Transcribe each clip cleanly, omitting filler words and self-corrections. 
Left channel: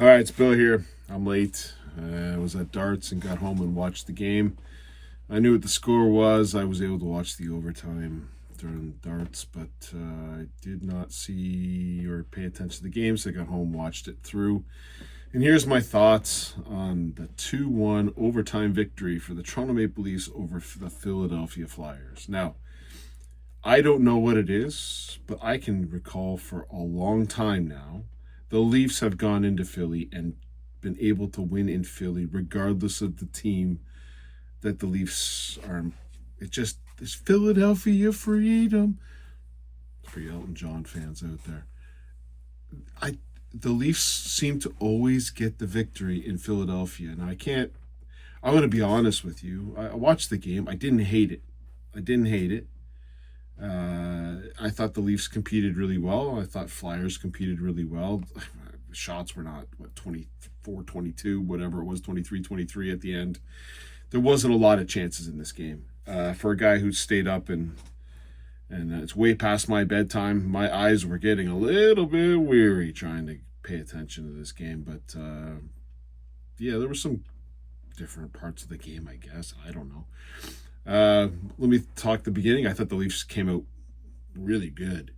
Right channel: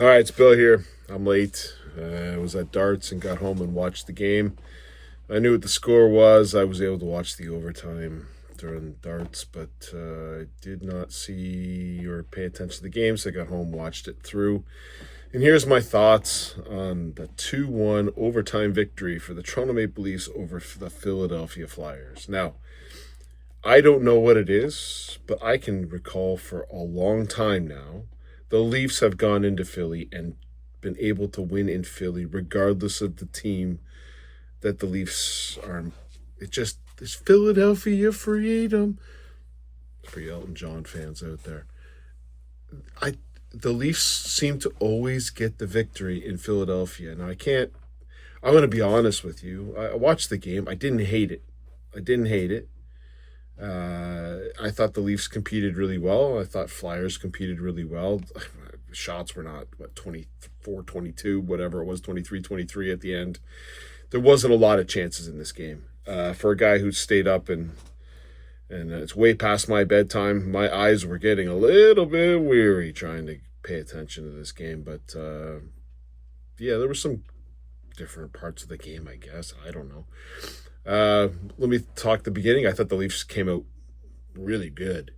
All right, it's Bill here. I'm late. I was at darts and got home and watched the game. I knew what the score was. I was able to watch the overtime during darts, but I did not see or pay attention to the game, so I got home, watched it through. And here's my thoughts on the 2-1 overtime victory for the Toronto Maple Leafs over the Philadelphia Flyers. Now, I don't know what it is, but I can recall for a long time now the Leafs have gone into Philly and been able to win in Philly regardless of the team that the Leafs are. It just is Philadelphia freedom for you Elton John fans out there. I the Leafs seem to always get the victory in Philadelphia. Now I can't. I'm going to be honest with you. I watched the game. I didn't hate it. I didn't hate it. I thought the Leafs competed really well. I thought Flyers competed really well. Shots were not, 24, 22, whatever it was, 23, 23 at the end. There wasn't a lot of chances in this game. For a guy who stayed up and it's way past my bedtime, my eyes were getting a little bit weary trying to pay attention to this game. But yeah, there were some different parts of the game, I guess. I don't know. Let me talk the beginning. I thought the Leafs came out really good.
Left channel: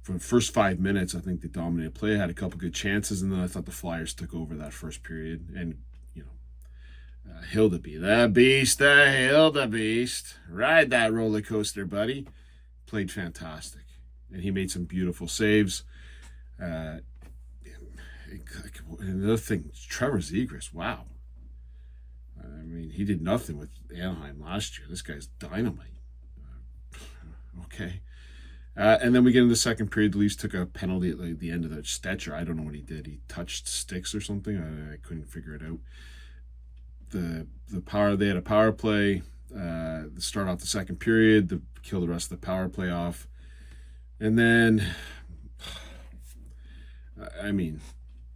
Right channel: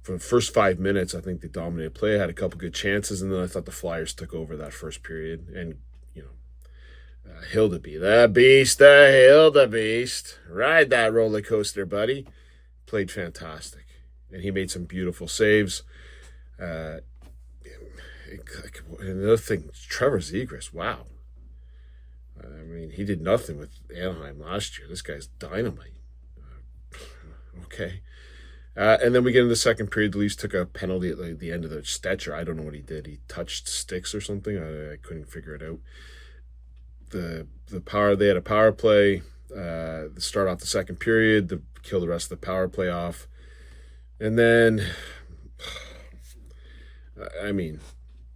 For the first 5 minutes, I think they dominated play, had a couple good chances, and then I thought the Flyers took over that first period. And, Hildebeest, the Hildebeest, ride that roller coaster, buddy. Played fantastic. And he made some beautiful saves. Another thing, Trevor Zegras, wow. I mean, he did nothing with Anaheim last year. This guy's dynamite. Okay. And then we get into the second period. The Leafs took a penalty at the end of the Stetcher. I don't know what he did. He touched sticks or something. I couldn't figure it out. They had a power play. To start off the second period, to kill the rest of the power play off. And then, I mean,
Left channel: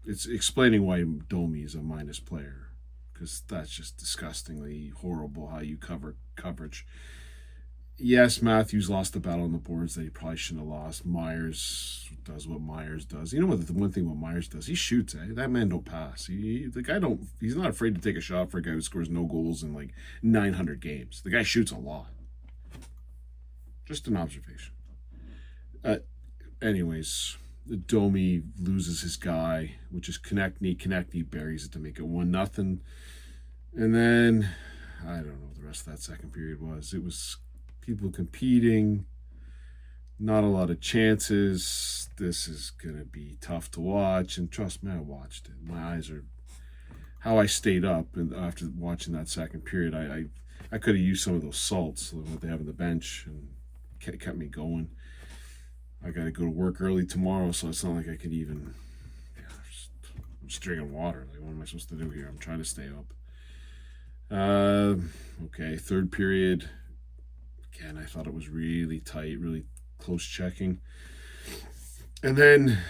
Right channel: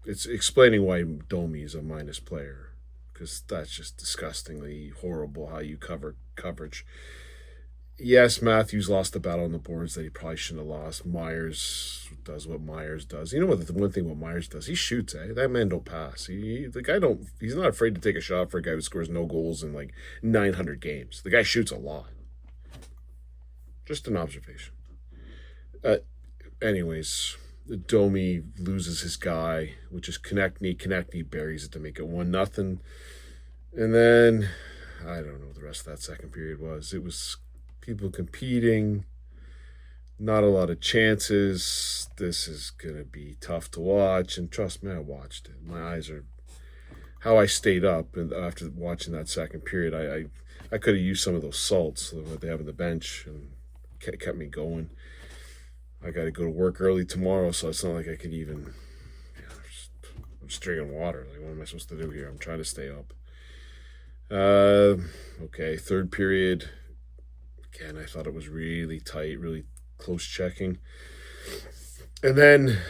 it's explaining why Domi is a minus player, because that's just disgustingly horrible how you coverage. Yes, Matthews lost the battle on the boards that he probably shouldn't have lost. Myers does what Myers does. You know what? The one thing what Myers does, he shoots. That man don't pass. The guy don't. He's not afraid to take a shot for a guy who scores no goals in like 900 games. The guy shoots a lot. Just an observation. Anyways, Domi loses his guy, which is Konechny buries it to make it 1-0. And then I don't know what the rest of that second period was. It was people competing, not a lot of chances. This is going to be tough to watch. And trust me, I watched it. My eyes are how I stayed up. And after watching that second period, I could have used some of those salts that they have on the bench and kept me going. I got to go to work early tomorrow, so it's not like I could even. I'm just drinking water. Like, what am I supposed to do here? I'm trying to stay up. Okay, third period. Again, I thought it was really tight, really close checking. And then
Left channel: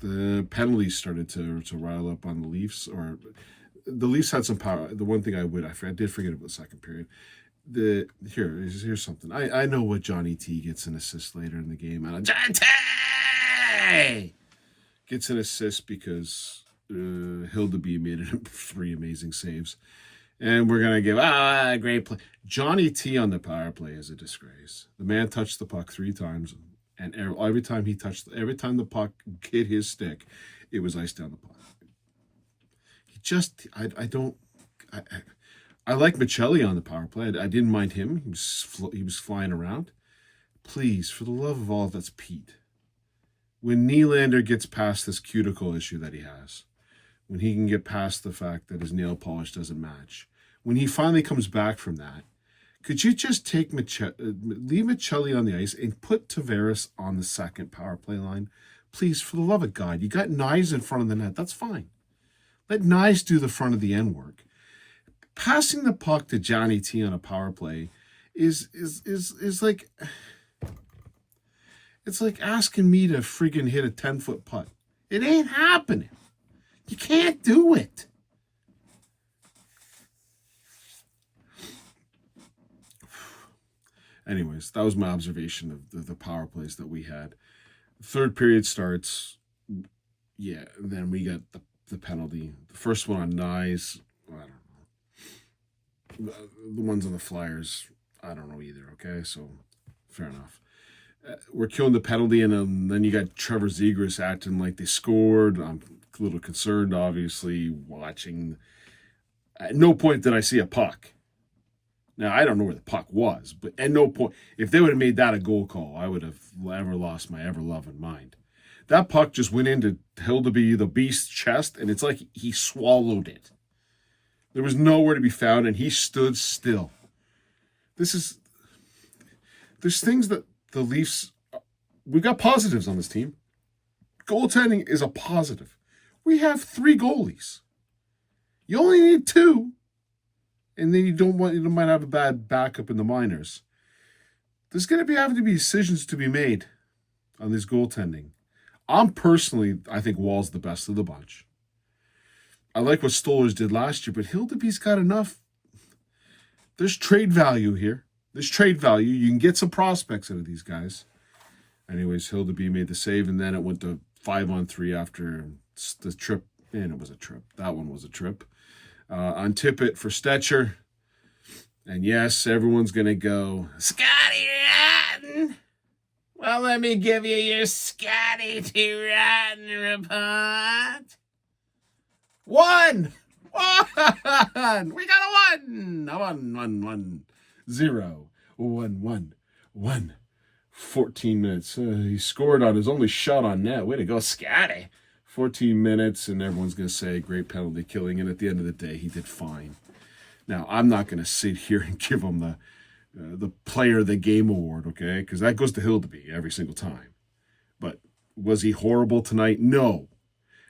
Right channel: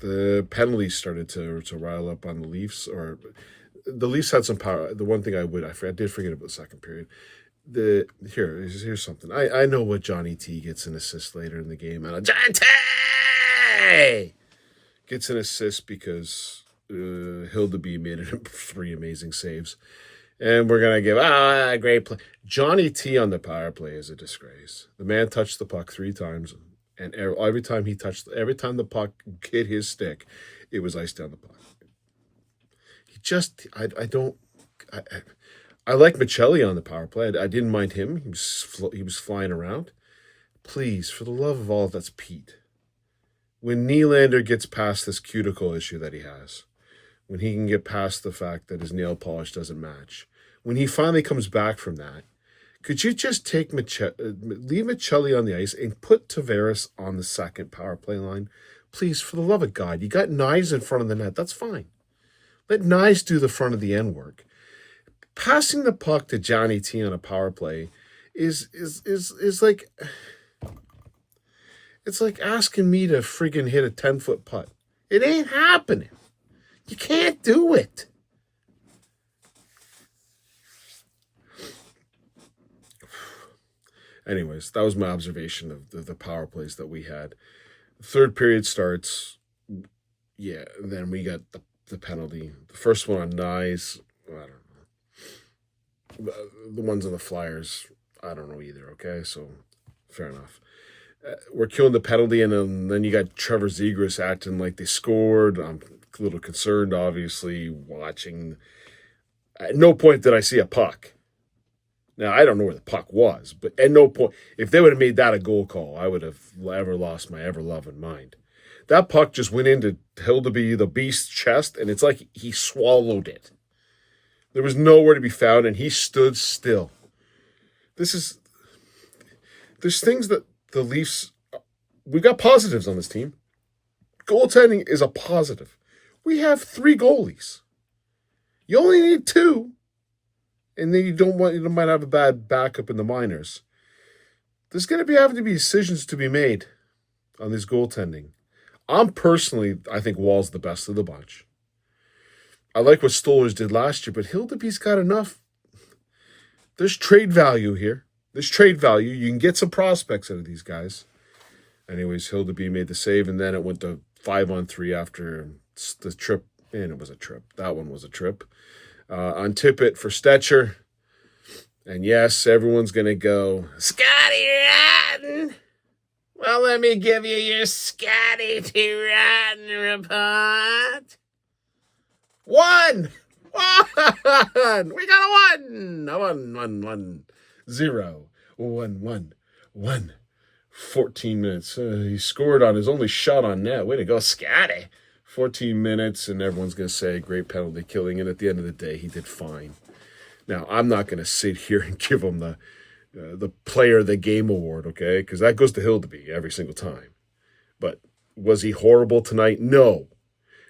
the penalties started to rile up on the Leafs. Or the Leafs had some power. The one thing I did forget about the second period. Here's something. I know what Johnny T gets an assist later in the game. And Johnny T gets an assist because Hildeby made it 3 amazing saves. And we're going to give, a great play. Johnny T on the power play is a disgrace. The man touched the puck 3 times, and every time the puck hit his stick, it was iced down the puck. I like Michelli on the power play. I didn't mind him. He was flying around. Please, for the love of all that's Pete, when Nylander gets past this cuticle issue that he has, when he can get past the fact that his nail polish doesn't match, when he finally comes back from that, could you just leave Michelli on the ice and put Tavares on the second power play line? Please, for the love of God, you got Nyes in front of the net. That's fine. Let Nyes do the front of the end work. Passing the puck to Johnny T on a power play is like, it's like asking me to friggin' hit a 10-foot putt. It ain't happening. You can't do it. Anyways, that was my observation of the power plays that we had. The third period starts. yeah, then we got the penalty. The first one on Nyes, I don't know. The ones on the Flyers, I don't know either, okay? So, fair enough. We're killing the penalty, and then you got Trevor Zegras acting like they scored. I'm a little concerned, obviously, watching. At no point did I see a puck. Now, I don't know where the puck was, but at no point, if they would have made that a goal call, I would have ever lost my ever-loving mind. That puck just went into Hildeby, the Beast's chest, and it's like he swallowed it. There was nowhere to be found, and he stood still. There's things that the Leafs, we got positives on this team. Goaltending is a positive. We have 3 goalies. You only need 2. And then you might have a bad backup in the minors. There's going to be having to be decisions to be made on this goaltending. I think Wall's the best of the bunch. I like what Stolarz did last year, but Hildeby's got enough. There's trade value here. There's trade value. You can get some prospects out of these guys. Anyways, Hildeby made the save, and then it went to 5-on-3 after the trip. And it was a trip. That one was a trip. On Tippett for Stetcher. And yes, everyone's going to go, Scotty Rotten. Well, let me give you your Scotty T. Rotten report. 1! 1! We got a 1! A 1, 0, 1. 14 minutes. He scored on his only shot on net. Way to go, Scotty. 14 minutes, and everyone's going to say, great penalty killing. And at the end of the day, he did fine. Now, I'm not going to sit here and give him the player of the game award, okay? Because that goes to Hildeby every single time. But was he horrible tonight? No.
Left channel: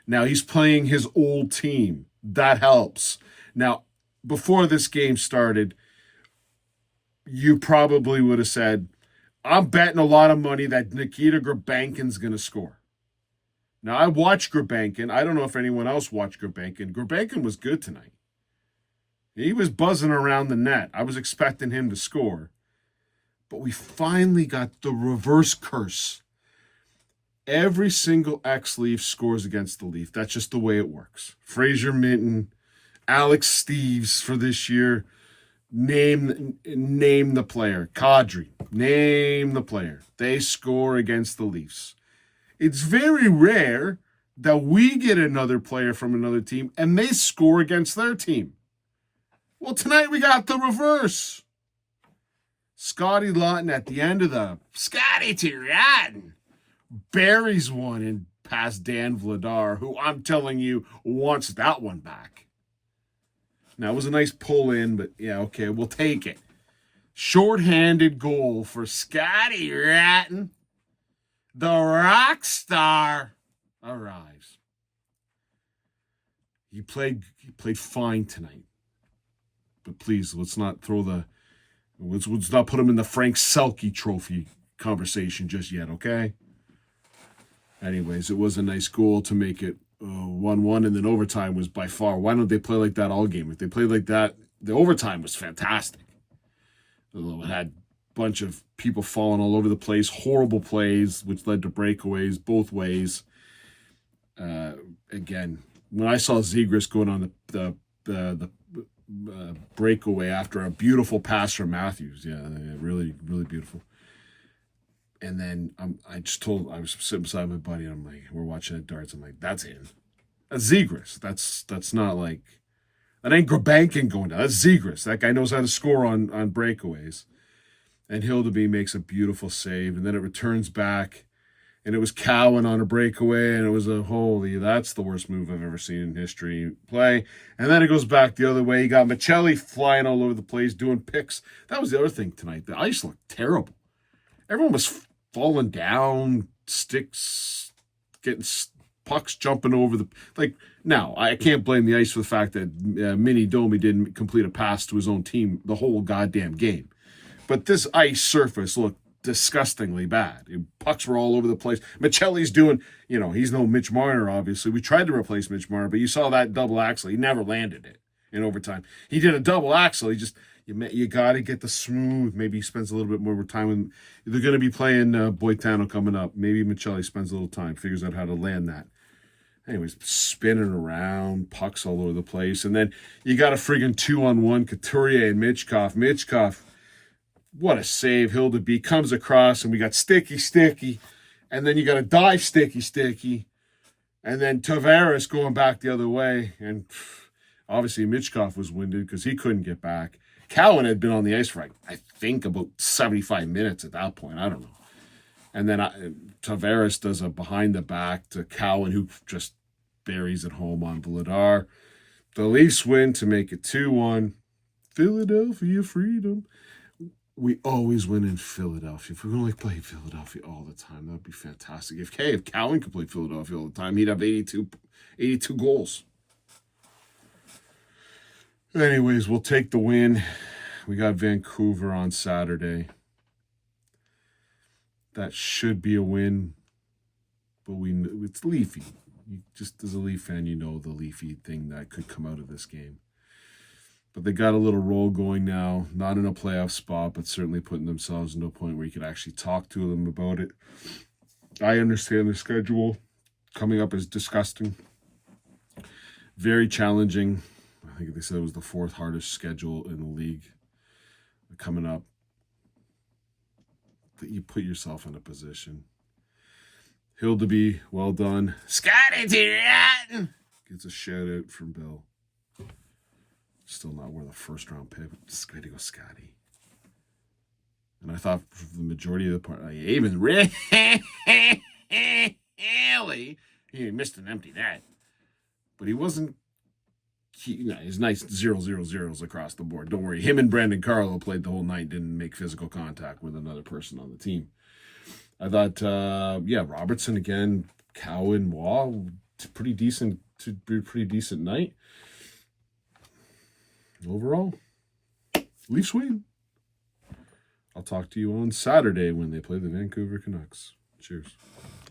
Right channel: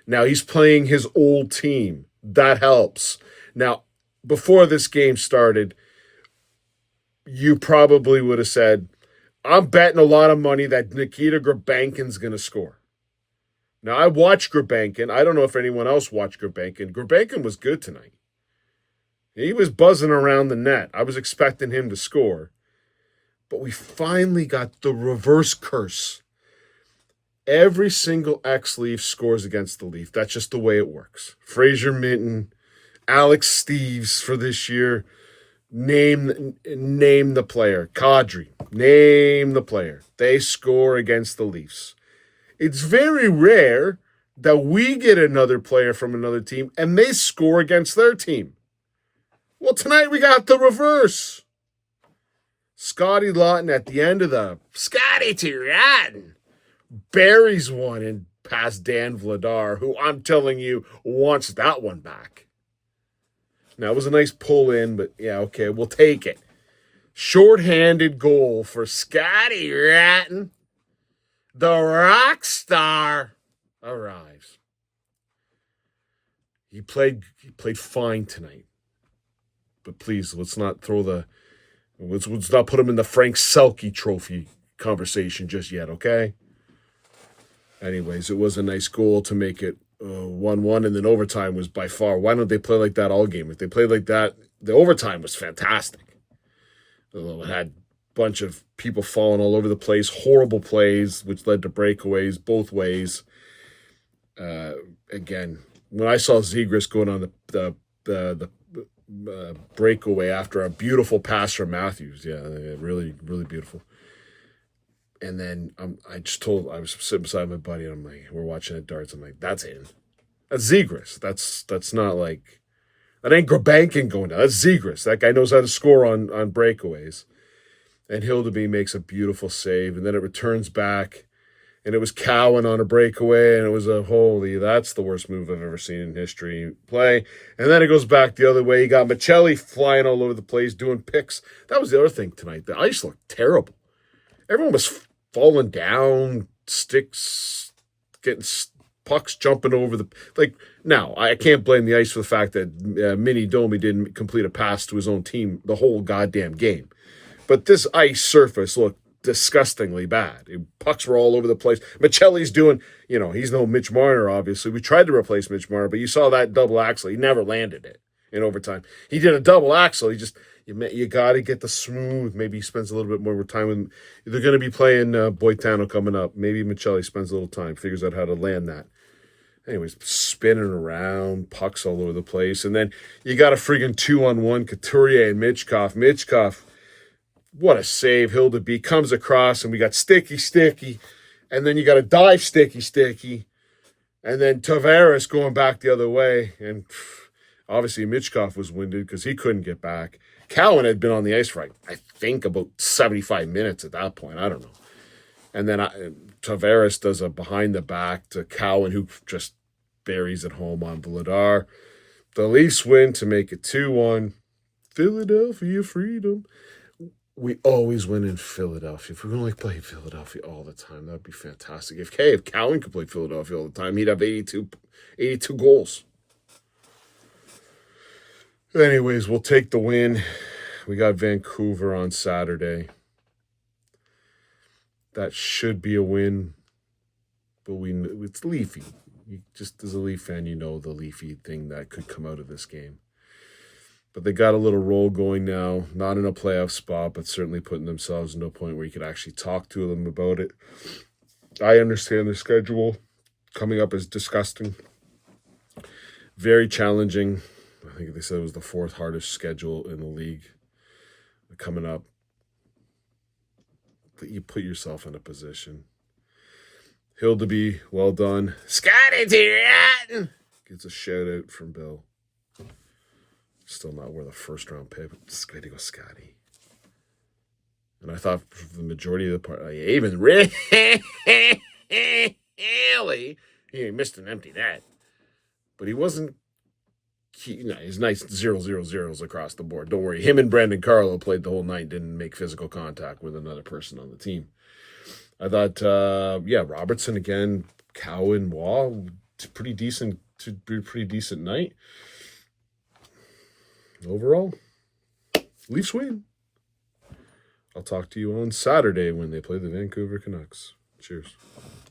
Now, he's playing his old team. That helps. Now, before this game started, you probably would have said, I'm betting a lot of money that Nikita Grabankin's going to score. Now, I watched Grabankin. I don't know if anyone else watched Grabankin. Grabankin was good tonight. He was buzzing around the net. I was expecting him to score. But we finally got the reverse curse. Every single ex-Leaf scores against the Leaf. That's just the way it works. Fraser Minton, Alex Steves for this year. Name the player. Kadri. Name the player. They score against the Leafs. It's very rare that we get another player from another team and they score against their team. Well, tonight we got the reverse. Scotty Lawton at the end of the Scotty T. Rotten buries one in past Dan Vladar, who I'm telling you wants that one back. Now, it was a nice pull in, but yeah, okay, we'll take it. Short-handed goal for Scotty Rotten. The rock star arrives. He played fine tonight. But please, let's not put him in the Frank Selke trophy conversation just yet, okay? Anyways, it was a nice goal to make it 1-1, and then overtime was by far. Why don't they play like that all game? If they played like that, the overtime was fantastic. It had bunch of people falling all over the place, horrible plays, which led to breakaways both ways. Again, when I saw Zegras going on the breakaway after a beautiful pass from Matthews, yeah, really, really beautiful. And then I was sitting beside my buddy, and I'm like, we're watching at darts. I'm like, that's in. That's Zegras. That's not like, that ain't Grabankin going down. That's Zegras. That guy knows how to score on breakaways. And Hildeby makes a beautiful save, and then it returns back, and it was Cowan on a breakaway, and it was that's the worst move I've ever seen in history play. And then it goes back the other way. You got Michelli flying all over the place, doing picks. That was the other thing tonight. The ice looked terrible. Everyone was falling down, sticks, getting pucks jumping over the... Now, I can't blame the ice for the fact that Mini Domi didn't complete a pass to his own team the whole goddamn game. But this ice surface looked disgustingly bad. Pucks were all over the place. Michelli's doing, he's no Mitch Marner, obviously. We tried to replace Mitch Marner, but you saw that double axle. He never landed it in overtime. He did a double axle. He just, you got to get the smooth. Maybe he spends a little bit more time when they're going to be playing Boitano coming up. Maybe Michelli spends a little time, figures out how to land that. Anyways, spinning around, pucks all over the place. And then you got a friggin' 2-on-1, Couturier and Mitchkov. Mitchkov, what a save. Hildeby comes across, and we got sticky. And then you got a dive sticky. And then Tavares going back the other way. And obviously Mitchkov was winded because he couldn't get back. Cowan had been on the ice for, I think, about 75 minutes at that point. I don't know. And then Tavares does a behind the back to Cowan, who just buries it home on Vladar. The Leafs win to make it 2-1. Philadelphia freedom. We always win in Philadelphia. If we only play Philadelphia all the time, that would be fantastic. If Cowan could play Philadelphia all the time, he'd have 82 goals. Anyways, we'll take the win. We got Vancouver on Saturday. That should be a win, but it's Leafy. Just as a Leaf fan, you know the Leafy thing that could come out of this game. But they got a little roll going now, not in a playoff spot, but certainly putting themselves into a point where you could actually talk to them about it. I understand the schedule coming up is disgusting. Very challenging. I think they said it was the 4th hardest schedule in the league coming up. That you put yourself in a position. Hildeby, well done. Scotty Tyrion gets a shout out from Bill. Still not worth a first-round pick. Just going to go Scotty. And I thought for the majority of the part, even really, he missed an empty net. But he wasn't. He's nice 0-0-0s across the board. Don't worry. Him and Brandon Carlo played the whole night, didn't make physical contact with another person on the team. I thought, Robertson again, Cowan, Wall, pretty decent night. Overall, Leafs win. I'll talk to you on Saturday when they play the Vancouver Canucks. Cheers.